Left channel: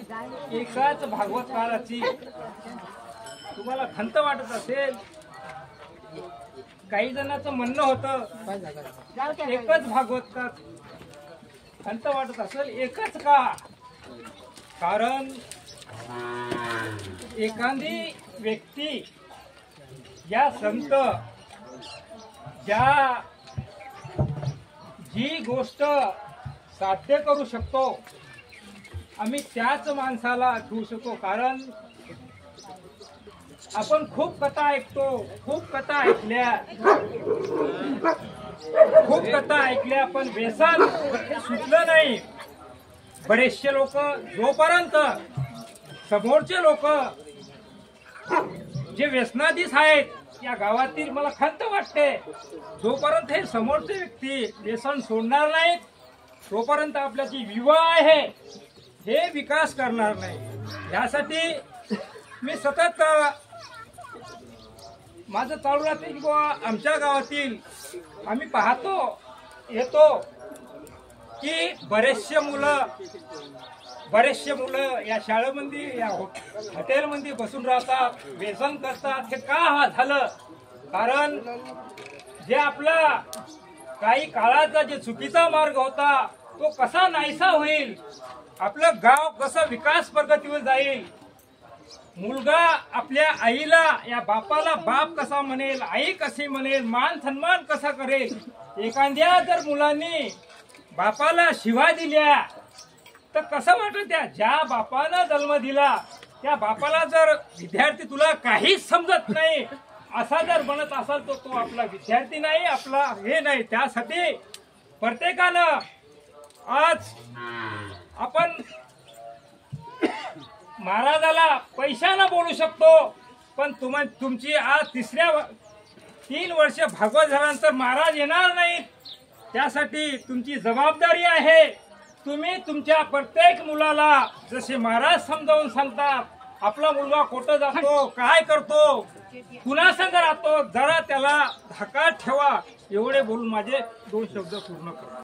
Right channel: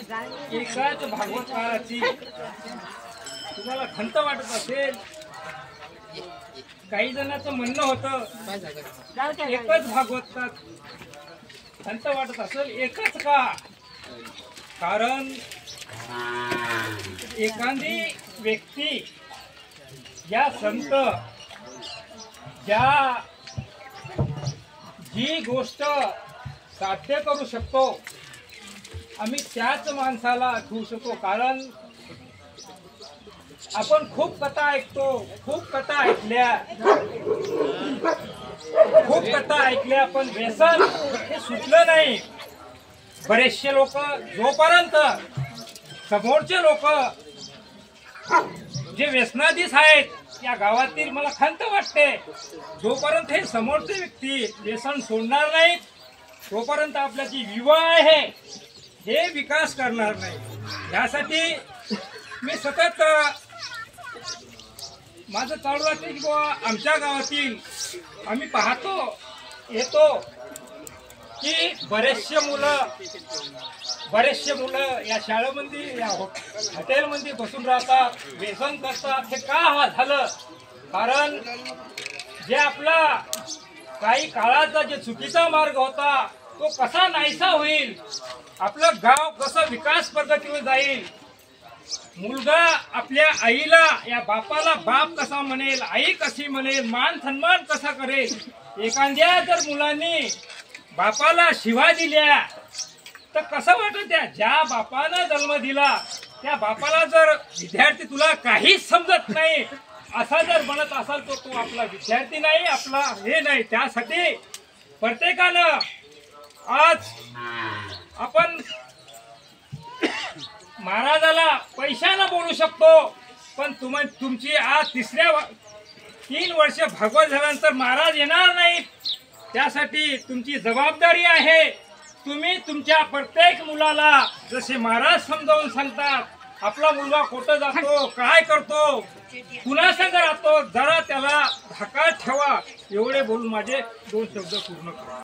एकाच भागवत काळाची तुम्हाला खंत वाटत असेल, काही जणांचं म्हणणं होतं एकच भागवत का खंत वाटत असेल, एकच का? कारण एखादी व्यक्ती या संत ज्या जी गोष्ट साध्य करू शकतो आम्ही त्याच माणसाला आठवू शकतो. कारण आपण खूप कथा ऐकतो, खूप कथा ऐकल्या पण व्यसन हे सुटलं नाही. बरेचसे लोक जोपर्यंत समोरचे लोक जे व्यसनाधीश आहेत या गावातील मला खंत वाटते, जोपर्यंत हे समोरचे व्यक्ती व्यसन सोडणार नाहीत तोपर्यंत आपला जी विवाह आहे हे विकास करणार नाही. यासाठी मी सतत माझं चालू राहते की आमच्या गावातील आम्ही पाहतो येतो की बरेचसे मुलं या शाळेमध्ये या हॉटेलमध्ये बसून राहतात, व्यसन करतात. हे का झालं? कारण जे आपला काही काळाचा जे चुकीचा मार्ग होता तो कसा नाहीसा होईल, आपलं गाव कसं विकास प्रगतीवर जाईल, मुलगा आपल्या आईला या बापाला बाप कसा म्हणेल, आई कशी म्हणेल, मान सन्मान कसा करेल. एखाद्या जर मुलांनी बापाला शिवा दिल्या तर कसं वाटत? ज्या बापानं जन्म दिला त्या बापाला जर विद्यार्थी तुला काहीच समजत नाही असा जर म्हणत असाल तर तो आपला विद्यार्थी नाही, आपला हे नाही. त्यासाठी प्रत्येकानं आज आपण महाराजाला पैशानं बोलू शकतो, पण तुमची आज 3 वर्ष भागवत झाल्यानंतर महाराज येणार नाहीत. त्यासाठी तुमची जबाबदारी आहे. तुम्ही तुमच्या प्रत्येक मुलाला जसे महाराज समजावून सांगतात, आपला मुलगा कुठं जातो, काय करतो, कुणासंग राहतो, जरा त्याला धाकात ठेवा. एवढे बोलून माझे 2 शब्द पूर्ण करतो.